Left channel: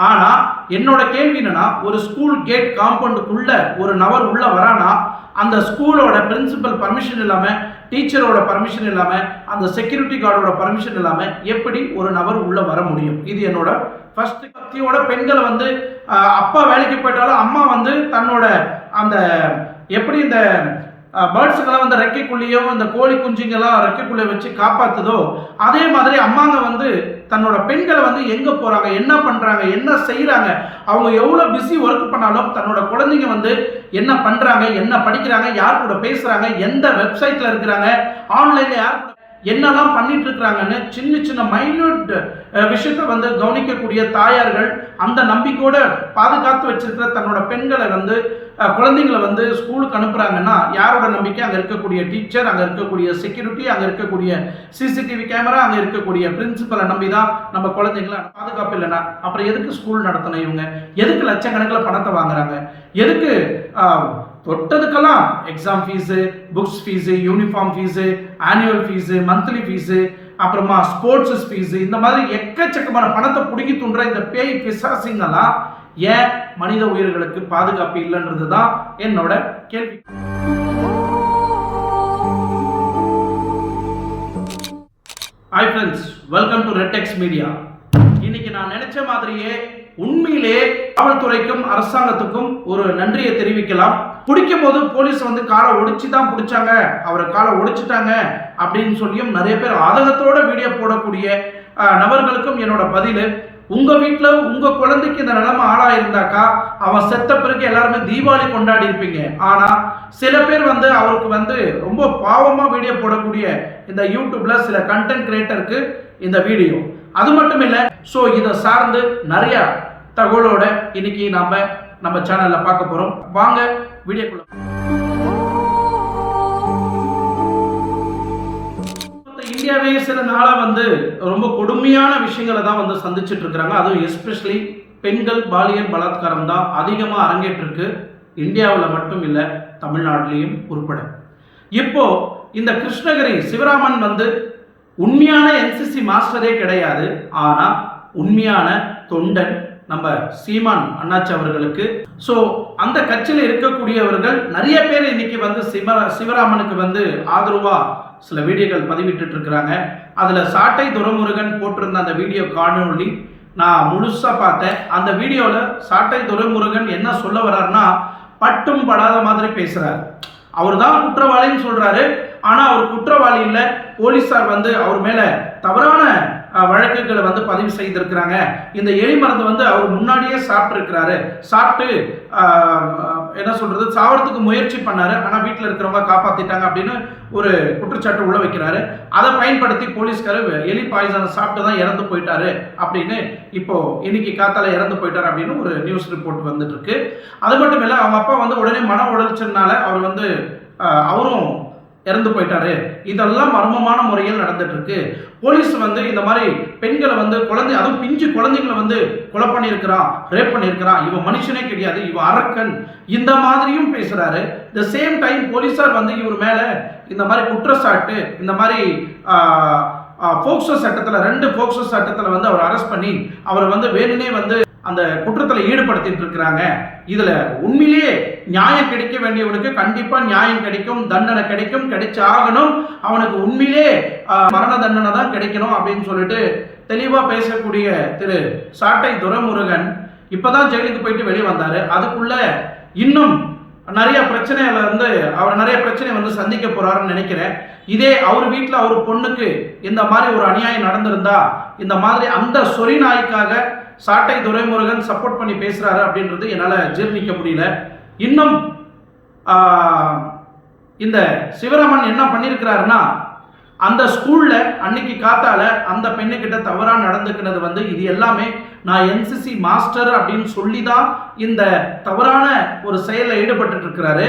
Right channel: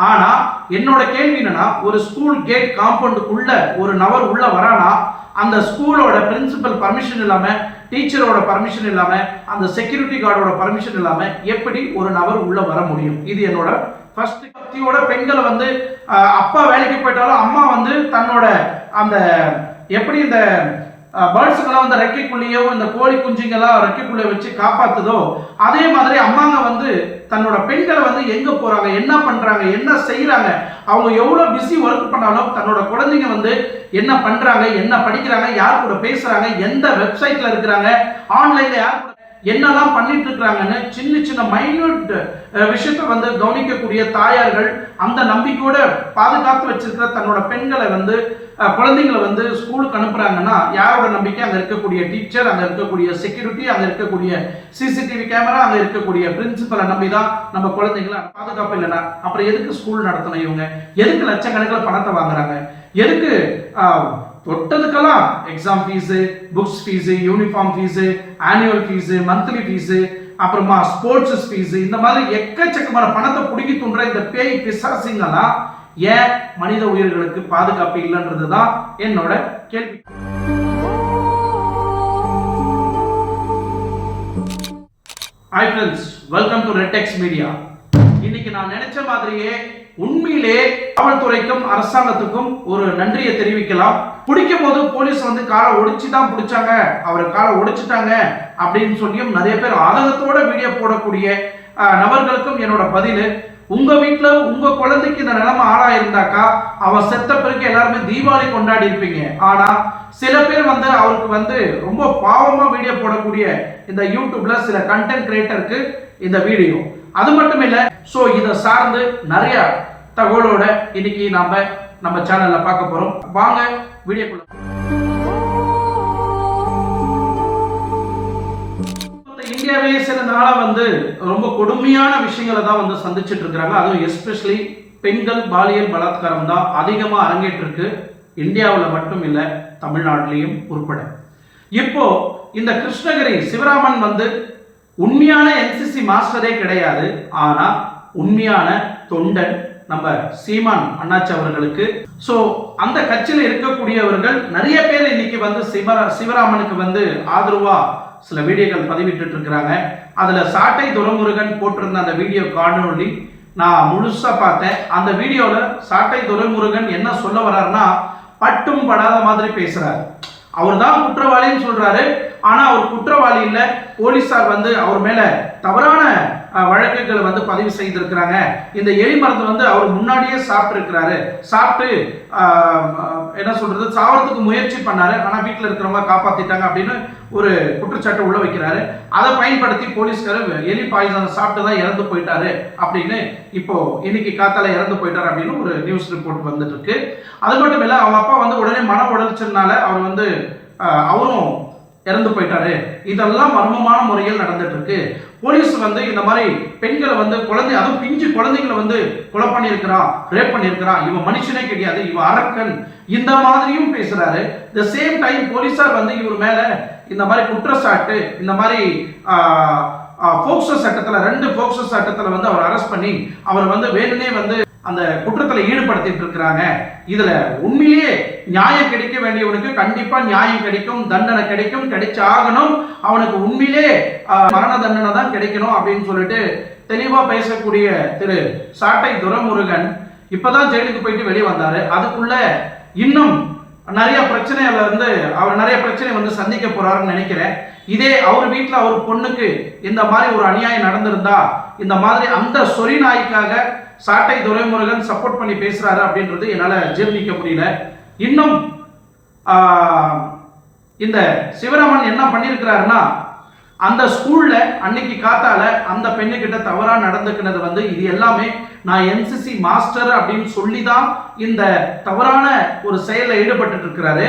ஆனால் என்னோட கேள்வி என்னன்னா ஒரு ஸ்கூல் கேட் காம்பவுண்டுக்குள்ள ஒரு நபர் உள்ள வரானா அந்த ஸ்கூலோட பிரின்சிபல் பர்மிஷன் இல்லாமல் டீச்சரோட பர்மிஷன் இல்லாமல் அந்த செக்யூரிட்டி கார்டோட பர்மிஷன் இல்லாமல் எப்படி ஒரு நபர் உள்ளே வர முடியும்? இது என்னோட ஃபர்ஸ்ட் பக்தியோட பெண்களை வந்து அப்பா வேலைக்கு போயிட்டாலும் அம்மா வந்து தன்னோட அந்த எப்படி இந்த பேர்ட்ஸுங்கெல்லாம் வந்து ரெக்கைக்குள்ளேயோ இந்த கோழி குஞ்சுங்கெல்லாம் ரெக்கைக்குள்ளே வச்சு காப்பாற்றுதோ அதே மாதிரி அம்மாங்க வந்து தன்னோட பெண்களை வந்து எங்கே போகிறாங்க என்ன பண்ணுறாங்க என்ன செய்கிறாங்க அவங்க எவ்வளோ பிஸி ஒர்க் பண்ணாலும் தன்னோட குழந்தைங்க வந்து என்ன பண்ணுறாங்க என்ன படிக்கிறாங்க யார் கூட பேசுகிறாங்க எந்த வெப்சைட்டில் இருக்கிறாங்க ஆன்லைனில் யார் கூட என்னெல்லாம் பண்ணிட்டு இருக்கிறாங்கன்னு சின்ன சின்ன மைன்யூட் விஷயத்தை வந்து கவனிக்கக்கூடிய தாயார்கள் அந்த நம்பிக்கையோட பாதுகாத்து வச்சிருக்கிற தன்னோட பெண்களை வந்து குழந்தைங்களை வந்து ஸ்கூலுக்கு அனுப்புகிறாங்கன்னா யாரோட நம்பிக்கை? அங்கே இருக்கக்கூடிய டீச்சர் அங்கே இருக்கக்கூடிய செக்யூரிட்டி அங்கே இருக்கக்கூடிய சிசிடிவி கேமரா அங்கே இருக்கக்கூடிய பிரின்சிபலை நம்பி தான் நம்ம குழந்தைங்களை பாதுகாப்பு இல்லைன்னா. அப்புறம் எதுக்கு ஸ்கூல் நடத்தணும் இவங்க? எதுக்கு லட்சக்கணக்கில் பணத்தை வாங்குறாங்க? எதுக்கு தொட்டதுக்கெல்லாம் exam fees books fees uniform fees annual fees monthly fees அப்புறமா ஸ்போர்ட்ஸஸ் ஃபீஸு இந்த மாதிரி எக்கச்சக்கமான பணத்தை பிடுங்கி துன்ற இந்த பேய் பிசாசிங்கெல்லாம் ஏன் மனித உயிர்களுக்கு பாதுகாப்பு இல்லைன்றது தான் என்னோட கேள்வி. Hi friends welcome to Rettex media இன்னைக்கு நான் நினைச்ச மாதிரியே உண்மையிலே காவல்துறைக்கும் அரசாங்கத்துக்கும் ஒரு நன்றியை தெரிவிக்கலாம். பிடிக்கும் போது போலீஸ் வந்து காலை ஒடிச்சு தான் பிடிச்சாங்க. அவரை காலை ஒடிச்சிட்டாங்க அப்படின்னு சொல்லியும் நிறைய பேர் ஆதங்கத்தோட வீடியோ போடக்கூடிய நபர்களுக்கும் என்னோட பதில். உங்க வீட்டில் உங்க குழந்தைக்கு இந்த நிலைமை ஆளாயிருந்தாக்கா அவன் செத்த பிறகு எல்லாருமே தீபாவளி கொண்டாடி இருப்பீங்க. ஆனா சில பேர் வந்து அவருக்கு வந்து ரொம்ப பாவமா வீடியோ போடக்கூடிய இந்த யூடியூப்ல சில கண்டென்ட் கிரியேட்டருக்கு இந்த வீடியோ அது மட்டும் இல்லை ஸோ இதை சார்ந்து நிறைய தகவலோட இன்னைக்கு நம்ம நம்ம சேனல்ல பார்க்க போறோம். வாங்க வீடியோக்குள்ள மொத்த இந்தியாவையே சில நாளாக வந்து ரொம்ப கொடுமையான விஷயங்களை தான் வந்து சந்திச்சுட்டு இருக்கிறாங்க. அதுவும் எஸ்பெஷலி பெண்கள் பாலியல் பலாத்காரம் தான் அதிகமாக அரங்கேற்றிருக்கு. இந்தியாவில் மட்டும் இல்லை தமிழ்நாட்டிலையும் உட்பட. இப்போ இந்த கிருஷ்ணகிரி சிவராமன் வந்து உண்மையான என்சிசி மாஸ்டரே கிடையாது. ஆனால் உண்மையான தொண்டன் நம்ம சீமான் அண்ணாச்சி அவர்களுக்கு. ஸோ அந்த கட்சியில் இருக்கக்கூடியவர்கள் நிறைய பேர் இன்னைக்கு வந்து சிவ சிவராமனுக்கு வந்து ஆதரவாக சில வீடியோக்கள் பதிவிட்டு இருக்கிறாங்க அதில் சாட்டை துரைமுருகன் போட்டிருந்த அந்த வீடியோ காணொலி நான் முழுசாக பார்த்தேன். அந்த வீடியோவில் சாட்டை துரைமுருகன் என்ன சொல்ல வர்றாருன்னா பட்டும் படாத மாதிரி பேசுகிறார் அவர் தான் குற்றவாளின்னு சொல்கிறாரு ஆனால் அவர் குற்றவாளி இல்லை. போலீஸார் வந்து அவர் மேலே தவறான வழக்குகளை வந்து பதிவு செய்திருக்கிறாங்க. இந்த எலி மருந்து வந்து அவர் முன்னாடியே சாப்பிட்ருக்கிறாரு சாப்பிட்டு என்ன சொல்கிறது சாவறதுக்கு முயற்சி பண்ணார். ஆனால் வீட்டில் இருக்கிறவங்க காப்பாற்றிட்டாங்க அப்படின்னு ஒரு குற்றச்சாட்டு உள்ள வைக்கிறாரு. அதை பயன்படுத்தி போலீஸ்காரர் எலி பாய்சன் சாப்பிட்டு தான் இறந்து போயிட்டாரு அப்படின்னு இப்போ இன்னைக்கு காத்தால இறந்து போயிட்டாரு அப்படின்னு ஒரு நியூஸ் ரிப்போர்ட் வந்துட்டுருக்கு. அது மட்டும் இல்லை அவங்க அப்பா வந்து உடனே மன உளைச்சல்னால அவர் வந்து அவரும் இறந்து போயிட்டாரு. இதெல்லாம் மர்மமான முறையில் நடந்துட்டு இருக்கு போலீஸ் வந்து இந்த மாதிரி பெண்களை வந்து குழந்தை அதுவும் பிஞ்சு குழந்தைங்களை வந்து கொலை பண்ணியிருக்கிறான் ரேப் பண்ணியிருக்கிறான் இவன் மனுஷனே கிடையாது இவன் அரக்கன். இந்த மாதிரியும் பேசுறாரு. த சேம் டைம் போலீஸார் வந்து இவர் மேல இந்த மாதிரி குற்றச்சாட்டு இந்த மாதிரி போக்சோ சட்டத்தில் ரெண்டு போக்சோ சட்டத்தில் வந்து அவர் அரெஸ்ட் பண்ணி அவர் வந்து வேணுனே வந்து அந்த குற்றத்தில் ஈடுபடுத்திட்டு இருக்கிறாங்க. இதில் உண்மையிலேயே நியாயம் கிடைக்க வேண்டியவனுக்கு கண்டிப்பாக நியாயம் கிடைக்கும் தண்டனை கிடைக்கும் கிடைச்சு ஆகணும் அவனுக்கு உண்மையிலே மரண தண்டனை தான் கிடைக்கணும் அப்படின்னு சொல்லிட்டு தெளிவாக பேசக்கூடிய திரு சாட்டை துரமுருகன் இப்போ தான் ஜெயிலுக்கு போயிட்டு வெளியே வந்தார். அதுக்குள்ள இன்னும் நிறைய பிரச்சனையில் வந்து அவர் நிறைய பிரச்சனை வந்து சந்திக்க போறாருன்னு நினைக்கிறேன். இதே அவர் வீட்டில் அவர் பொண்ணுக்கு இந்த மாதிரி ஒரு அநியாயம் நடந்திருந்தா இந்த மாதிரி அந்த சொறி நாய்க்காக சாட்டை துரைமுருகன் சப்போர்ட் பண்ணி பேசுறாரு அப்படின்றது என்னால் ஜீர்ணிக்க முடியல. இன்னும் இந்த சிவராமன் என்ன பண்ணியிருக்கிறாருன்னா அந்த ஸ்கூல்ல அன்னைக்கு காத்தால அந்த பெண்ணுக்கிட்ட தவறா நடந்துக்கினது வந்து இது எல்லாமே நான் என்சிசி மாஸ்டர் அப்படின்னு சொல்லி தான் இந்த தவறான ஒரு செயலில் ஈடுபட்டு இருக்கிறாரு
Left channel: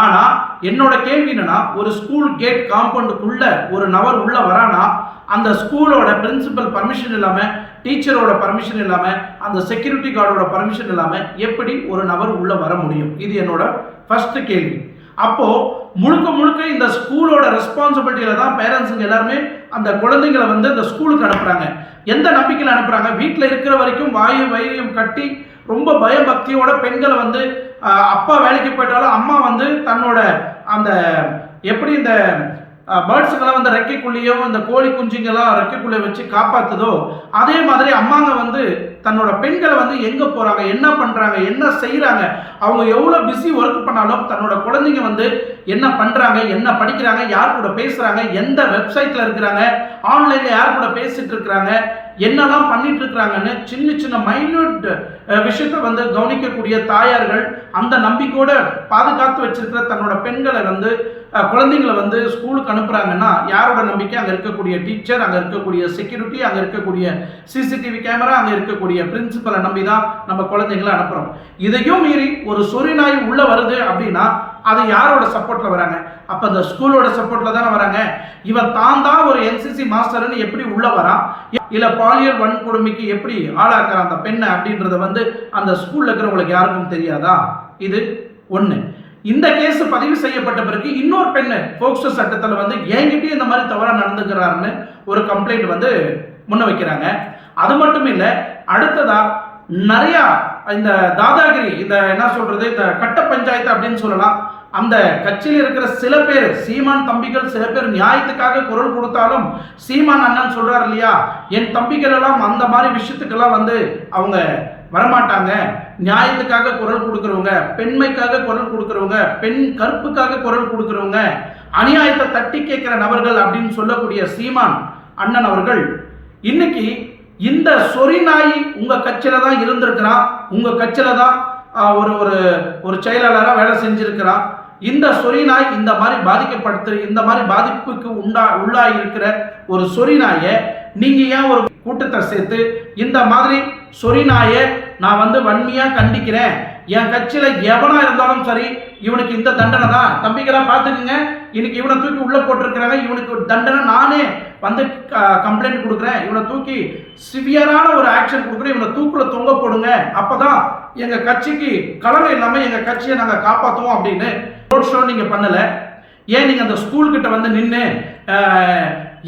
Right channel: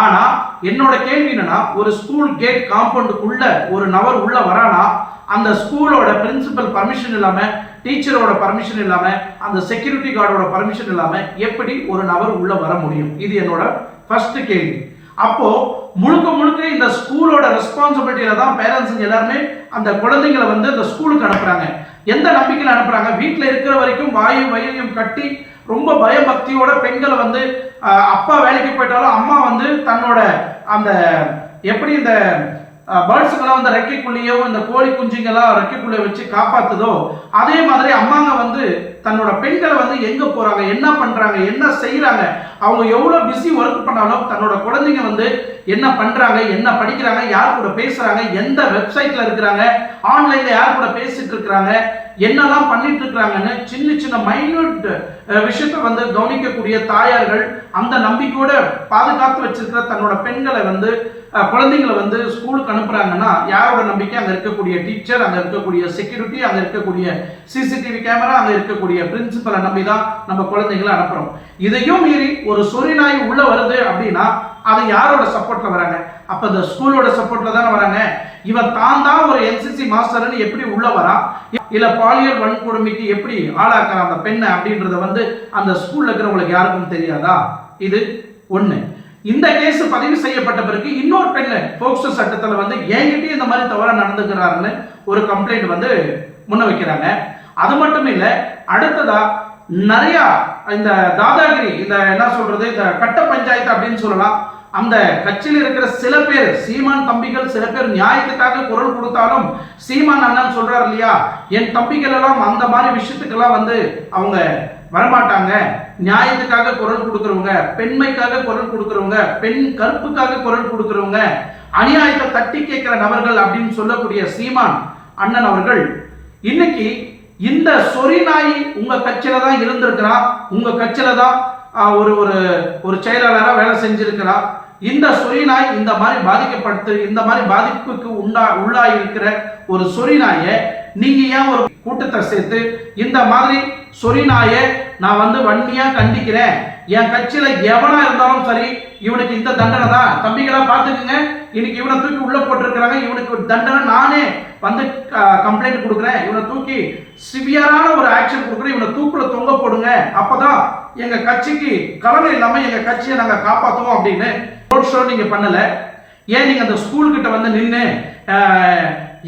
ஆனா என்னோட கேள்வி என்னன்னா ஒரு ஸ்கூல் கேட் காம்பவுண்டுக்குள்ள ஒரு நபர் உள்ள வரானா அந்த ஸ்கூலோட பிரின்சிபல் பர்மிஷன் இல்லாம டீச்சரோட பர்மிஷன் இல்லாம அந்த செக்யூரிட்டி கார்டோட பர்மிஷன் இல்லாம எப்படி ஒரு நபர் உள்ள வர முடியும்? இது என்னோட ஃபர்ஸ்ட் கேள்வி. அப்போ முழுக்க முழுக்க இந்த ஸ்கூலோட ரெஸ்பான்சிபிலிட்டியில தான் பேரண்ட்ஸுங்க எல்லாருமே அந்த குழந்தைங்களை வந்து இந்த ஸ்கூலுக்கு அனுப்புறாங்க. எந்த நம்பிக்கையில் அனுப்புறாங்க? வீட்டில் இருக்கிற வரைக்கும் வாயு வயிறையும் கட்டி ரொம்ப பயபக்தியோட பெண்களை வந்து அப்பா வேலைக்கு போயிட்டாலும் அம்மா வந்து தன்னோட அந்த எப்படி இந்த பேர்ட்ஸுங்கெல்லாம் வந்து ரெக்கைக்குள்ளேயோ இந்த கோழி குஞ்சுங்கெல்லாம் ரெக்கைக்குள்ளே வச்சு காப்பாற்றுதோ அதே மாதிரி அம்மாங்க வந்து தன்னோட பெண்களை வந்து எங்கே போகிறாங்க என்ன பண்ணுறாங்க என்ன செய்கிறாங்க அவங்க எவ்வளோ பிஸி ஒர்க் பண்ணாலும் தன்னோட குழந்தைங்க வந்து என்ன பண்ணுறாங்க என்ன படிக்கிறாங்க யார் கூட பேசுகிறாங்க எந்த வெப்சைட்டில் இருக்கிறாங்க ஆன்லைனில் யார் கூட பேசிகிட்டு இருக்கிறாங்க என்னெல்லாம் பண்ணிட்டு இருக்கிறாங்கன்னு சின்ன சின்ன மைன்யூட் விஷயத்தை வந்து கவனிக்கக்கூடிய தாயார்கள் அந்த நம்பிக்கையோட பாதுகாத்து வச்சிருக்கிற தன்னோட பெண்களை வந்து குழந்தைங்களை வந்து ஸ்கூலுக்கு அனுப்புகிறாங்கன்னா யாரோட நம்பிக்கை? அங்கே இருக்கக்கூடிய டீச்சர் அங்கே இருக்கக்கூடிய செக்யூரிட்டி அங்கே இருக்கக்கூடிய சிசிடிவி கேமரா அங்கே இருக்கக்கூடிய பிரின்சிபலை நம்பி தான் நம்ம குழந்தைங்களை அனுப்புகிறோம் இதையும் மீறி ஒரு சொறி நாய் வருது அப்படின்னா அது யாரோட சப்போர்ட்டில் வராங்க? அப்போ இந்த ஸ்கூலோட சப்போர்ட்ல தானே வராங்க. இவன் தான் தான் ஒரு என்சிசி மாஸ்டர்னு எப்படி உள்ள வரான்? இல்ல பாலியல் வன்கொடுமைக்கு எப்படி ஆளாக்குறான் அந்த பெண்ணை அப்படின்றத வந்து அந்த ஸ்கூல்ல இருக்கிறவங்களுக்கு யாருக்கும் தெரியாதா? இது ஒண்ணு. இந்த கேஸ் பதிவு செய்யப்பட்ட பிறகு இன்னொரு பெண்ணு போக்சோ சட்டத்தில் வந்து என்கிட்டயும் இந்த மாதிரி தவறாக நடந்துக்கிறாருன்னு ஒரு கம்ப்ளைண்ட் வந்து முன்ன வைக்கிறாங்க. அது மட்டும் இல்லை அடுத்ததா நிறையா இந்த தாதாகிரி இந்த என்ன சொல்றது இந்த கட்ட பஞ்சாயத்து அப்படின்னு சொல்லலாம். அந்த கட்சியில் இருக்கிற சில பேர் சீமான் தம்பிகள் சில பேர் நியாயத்துக்காக குரல் கொடுத்தாலும் சீமான் அண்ணன் சொல்றாரு இல்லையா என் தம்பிகள் எல்லாம் அந்த மாதிரி விஷயத்துக்கெல்லாம் வந்து அவங்க வரமாட்டாங்க. நியாயத்துக்காக குரல் கொடுக்குறவங்க பெண்மைக்காக குரல் கொடுக்குறவங்க பெண் கற்புக்காக குரல் கொடுக்குறவங்க அநியாயத்தை தட்டி கேட்கிற நபர்கள் அப்படின்னு சொல்லக்கூடிய சீமான் அண்ணன் அவர்கள் இன்னைக்கு இந்த சொறி நாய் உங்கள் கட்சியில் தான் இருந்திருக்கிறான் உங்கள் கட்சியில் தான் ஒரு ஒரு ஒரு செயலாளராக வேலை செஞ்சுருக்கிறான் இந்த சொறி நாய் இந்த மாதிரி பாதிக்கப்படுத்து இந்த மாதிரி பாதிப்புக்கு உண்டா உள்ளா இருக்கிற ஒரு சொறிநாயை நாயை ஏன் ஒரு கூட்டத்தை சேர்த்து இந்த மாதிரி சொறிநாயை நான் வந்து வன்மையாக கண்டிக்கிறேன்? என் கட்சியில் எவனா இருந்தாலும் சரி இவனுக்கு இந்த தண்டனை தான். தம்பிகளாக பார்த்துக்குங்க. இன்னைக்கு இவனை தூக்கி உள்ளே போட்டிருக்கிறாங்க. இவனுக்கு தண்டனை நானே வந்து கம்ப்ளைண்ட் கொடுக்குறேன். இவனை தூக்கி சிவியரான ஒரு ஆக்ஷன் கொடுக்குறேன். இவனை தூக்கில் தொங்க போடுங்க. அப்பதான் எங்கள் கட்சிக்கு கலனை இல்லாமல் எங்கள் கட்சியை நாங்கள் காப்பாற்றுவோம் அப்படின்னு ரோட் ஷோ நீங்கள் பண்ணல. ஏன் நீங்கள் அந்த ஸ்கூல்கிட்ட வந்து நின்று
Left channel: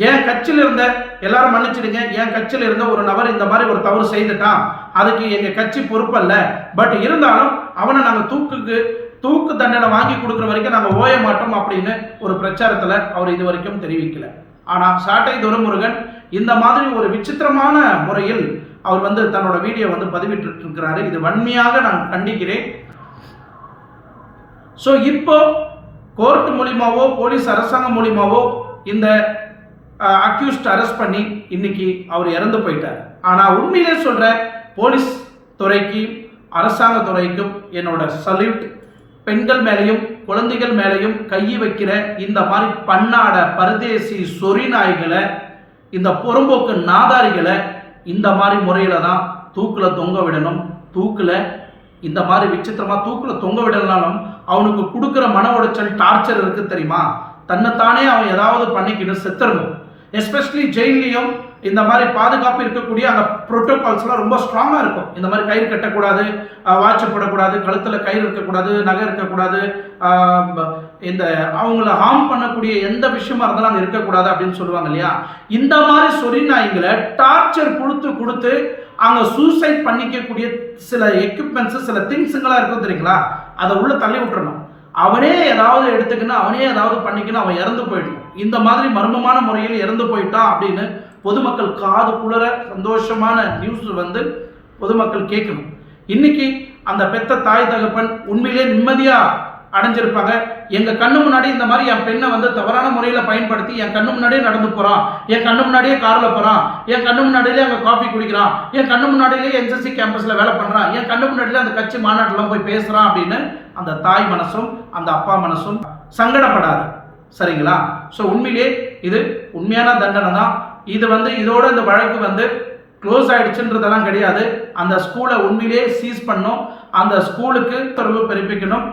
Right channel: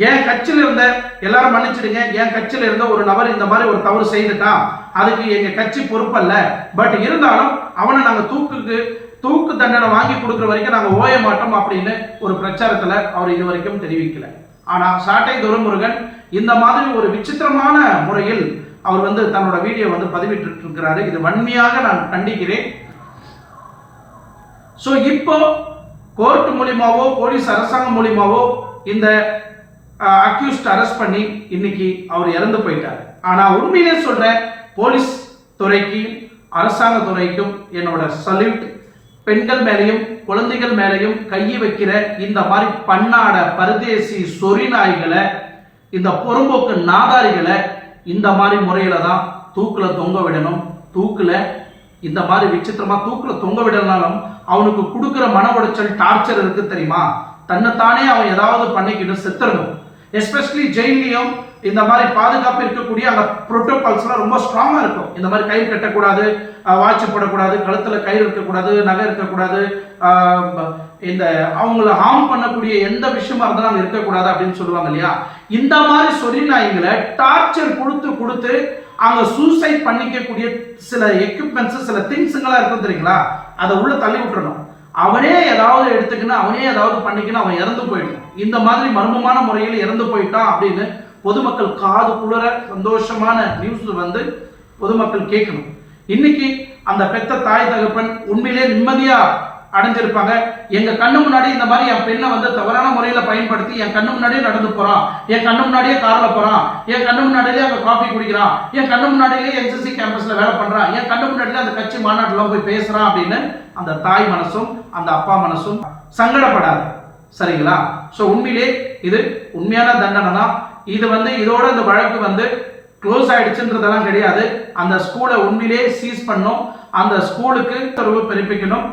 என் கட்சியில் இருந்த எல்லாரும் மன்னிச்சிடுங்க என் கட்சியில் இருந்த ஒரு நபர் இந்த மாதிரி ஒரு தவறு செய்துட்டான் அதுக்கு எங்கள் கட்சி பொறுப்பல்ல. பட் இருந்தாலும் அவனை நாங்கள் தூக்குக்கு தூக்கு தண்டனை வாங்கி கொடுக்குற வரைக்கும் நாங்கள் ஓய மாட்டோம் அப்படின்னு ஒரு பிரச்சாரத்தில் அவர் இது வரைக்கும் தெரிவிக்கல. ஆனால் சாட்டை துரைமுருகன் இந்த மாதிரி ஒரு விசித்திரமான முறையில் அவர் வந்து தன்னோட வீடியோ வந்து பதிவிட்டு இருக்கிறாரு இது வன்மையாக நான் கண்டிக்கிறேன். ஸோ இப்போ கோர்ட் மூலியமாவோ போலீஸ் அரசாங்கம் மூலியமாவோ இந்த அக்யூஸ்ட் அரெஸ்ட் பண்ணி இன்னைக்கு அவர் இறந்து போயிட்டார். ஆனால் உண்மையிலே சொல்கிற போலீஸ் துறைக்கு அரசாங்க துறைக்கும் என்னோட சல்யூட் பெண்கள் மேலேயும் குழந்தைகள் மேலேயும் கை வைக்கிற இந்த மாதிரி பன்னாட பரதேசி சொறி நாய்களை இந்த பொறும்போக்கு நாதாரிகளை இந்த மாதிரி முறையில் தான் தூக்கில் தொங்க விடணும். தூக்கில் இந்த மாதிரி விசித்திரமா தூக்கில் தொங்க விடலனாலும் அவனுக்கு கொடுக்குற மன உடைச்சல் டார்ச்சர் இருக்கு தெரியுமா? தன்னைத்தானே அவன் ஏதாவது பண்ணிக்கிட்டு செத்துறணும் எஸ்பெஷலி ஜெயிலையும் இந்த மாதிரி பாதுகாப்பு இருக்கக்கூடிய அந்த ப்ரோட்டோகால்ஸ்லாம் ரொம்ப ஸ்ட்ராங்காக இருக்கும். இந்த மாதிரி கயிறு கட்டக்கூடாது வாட்ச் போடக்கூடாது கழுத்தில் கயிறு இருக்கக்கூடாது நகை இருக்கக்கூடாது இந்த அவங்கள ஹார்ம் பண்ணக்கூடிய எந்த விஷயமா இருந்தாலும் அங்கே இருக்கக்கூடாது அப்படின்னு சொல்லுவாங்க இல்லையா? இந்த மாதிரி சொறி நாய்களை டார்ச்சர் கொடுத்து கொடுத்து அங்கே சூசைட் பண்ணிக்கக்கூடிய சில எக்யூப்மெண்ட்ஸு சில திங்ஸுங்களாக இருக்கும் தெரியுங்களா? அதை உள்ளே தள்ளி விட்டுறணும். அவனே ஏதாவது எடுத்துக்கின்னு அவனே ஏதாவது பண்ணிக்கின்னு அவன் இறந்து போயிடணும் இந்த மாதிரி மர்மமான முறையில் இறந்து போயிட்டான் அப்படின்னு பொதுமக்கள் காது குளிர சந்தோஷமான நியூஸ் வந்து பொதுமக்கள் கேட்கணும். இன்னைக்கு அந்த பெத்த தாய் தகப்பன் உண்மையிலே நிம்மதியாக அடைஞ்சிருப்பாங்க. எங்க கண்ணு முன்னாடி இந்த மாதிரி என் பெண்ணை வந்து தவறான முறையில பயன்படுத்தி என் கண்ணு முன்னாடியே நடந்து போறான். என் கண்ணு முன்னாடியே காரில் போறான். என் கண்ணு முன்னாடியிலே அங்க காஃபி குடிக்கிறான். என் கண்ணு முன்னாடியிலே என்சிசி கேம்பஸ்ல வேலை பண்றான். என் கண்ணு முன்னாடியில அந்த கட்சி மாநாட்டுலாம் போய் பேசுறான் அப்படின்னு அந்த தாய் மனசும் அந்த அப்பா மனசும் சங்கடப்படாது. சரிங்களா? ஸோ உண்மையிலே இது உண்மையான தண்டனை தான். இது வந்து இதோட இந்த வழக்கு வந்து க்ளோஸ் ஆயிடுச்சுன்றதெல்லாம் கிடையாது. அந்த ஸ்கூலை உண்மையிலே சீஸ் பண்ணும் அந்த ஸ்கூலுக்கு தொடர்பு பிறப்பிக்கணும்.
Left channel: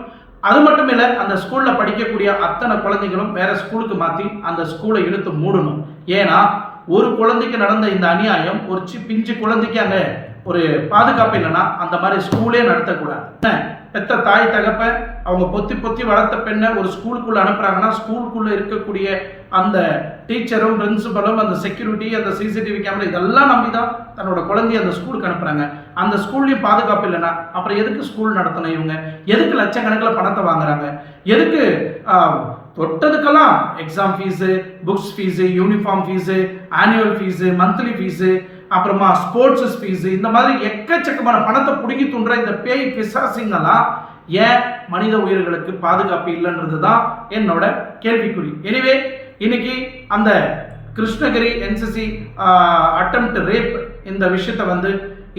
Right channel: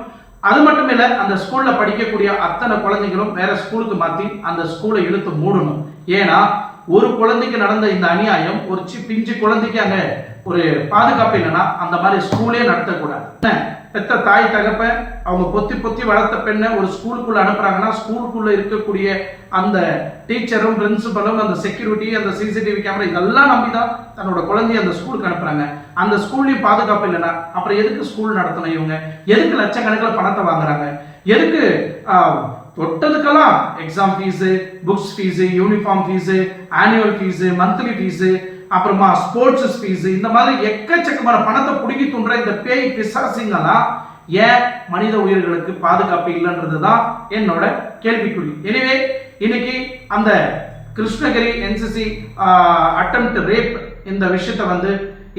அது மட்டும் இல்லை அந்த ஸ்கூலில் படிக்கக்கூடிய அத்தனை குழந்தைகளும் வேற ஸ்கூலுக்கு மாற்றி அந்த ஸ்கூலை இழுத்து மூடணும். ஏன்னா ஒரு குழந்தைக்கு நடந்த இந்த அநியாயம் ஒரு சி பிஞ்சு குழந்தைக்கு அங்கே ஒரு பாதுகாப்பு இல்லைன்னா அந்த மாதிரி ஸ்கூலே நடத்தக்கூடாது. பெத்த தாய் தகப்ப அவங்க பொத்தி பொத்தி வளர்த்த பெண்ணை ஒரு ஸ்கூலுக்குள்ள அனுப்புறாங்கன்னா ஸ்கூலுக்குள்ள இருக்கக்கூடிய அந்த டீச்சரும் பிரின்சிபலும் அந்த செக்யூரிட்டி அந்த சிசிடிவி கேமரா இதெல்லாம் நம்பி தான் தன்னோட குழந்தைய அந்த ஸ்கூலுக்கு அனுப்புறாங்க. அந்த ஸ்கூல்லையும் பாதுகாப்பு இல்லைன்னா அப்புறம் எதுக்கு ஸ்கூல் நடத்தணும் இவங்க? எதுக்கு லட்சக்கணக்கில் பணத்தை வாங்குறாங்க? எதுக்கு தொட்டதுக்கெல்லாம் exam fees books fees uniform fees annual fees monthly fees அப்புறமா ஸ்போர்ட்ஸ் ஃபீஸு இந்த மாதிரி எக்கச்சக்கமான பணத்தை பிடுங்கி தூண்டுற இந்த பேய் பிசாசிங்கெல்லாம் ஏன் மனித உயிர்களுக்கு பாதுகாப்பு இல்லைன்றது தான் என்னோட கேள்விக்குறி. எனவே இன்னைக்கு அந்த கிருஷ்ணகிரி என்சிசி அட்டம்ப்ட் ரேப் இந்த விஷயத்தை வந்து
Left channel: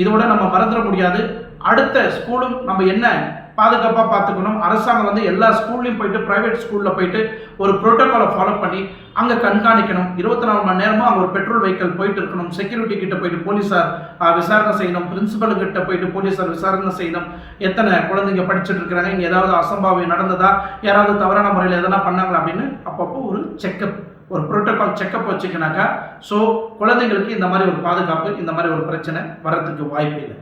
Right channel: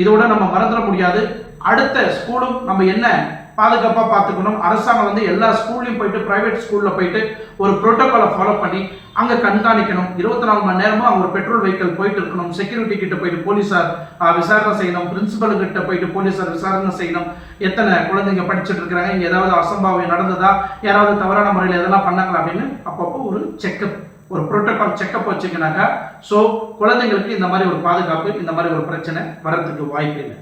இதோட நம்ம மறந்துட முடியாது. அடுத்த ஸ்கூலும் நம்ம என்ன பாதுகாப்பாக பார்த்துக்கணும்? அரசாங்கம் வந்து எல்லா ஸ்கூல்லையும் போயிட்டு ப்ரைவேட் ஸ்கூலில் போயிட்டு ஒரு ப்ரோட்டோக்காலை ஃபாலோ பண்ணி அங்கே கண்காணிக்கணும். இருபத்தி நாலு மணி நேரமும் அங்கே ஒரு பெட்ரோல் வெஹிக்கிள் போயிட்டு இருக்கணும். செக்யூரிட்டி கிட்ட போயிட்டு போலீஸார் விசாரணை செய்யணும். பிரின்சிபல் கிட்ட போயிட்டு போலீஸார் விசாரணை செய்யணும். எத்தனை குழந்தைங்க படிச்சுட்டு இருக்கிறாங்க? இங்கே ஏதாவது அசம்பாவியம் நடந்ததா? யாராவது தவறான முறையில் எதனா பண்ணாங்களா அப்படின்னு அப்பப்போ ஒரு செக்கப் ஒரு ப்ரோட்டோகால் செக்கப் வச்சிங்கனாக்கா ஸோ குழந்தைங்களுக்கு இந்த மாதிரி ஒரு பாதுகாப்பு இந்த மாதிரி ஒரு பிரச்சனை வர்றதுக்கு வாய்ப்பு இல்லை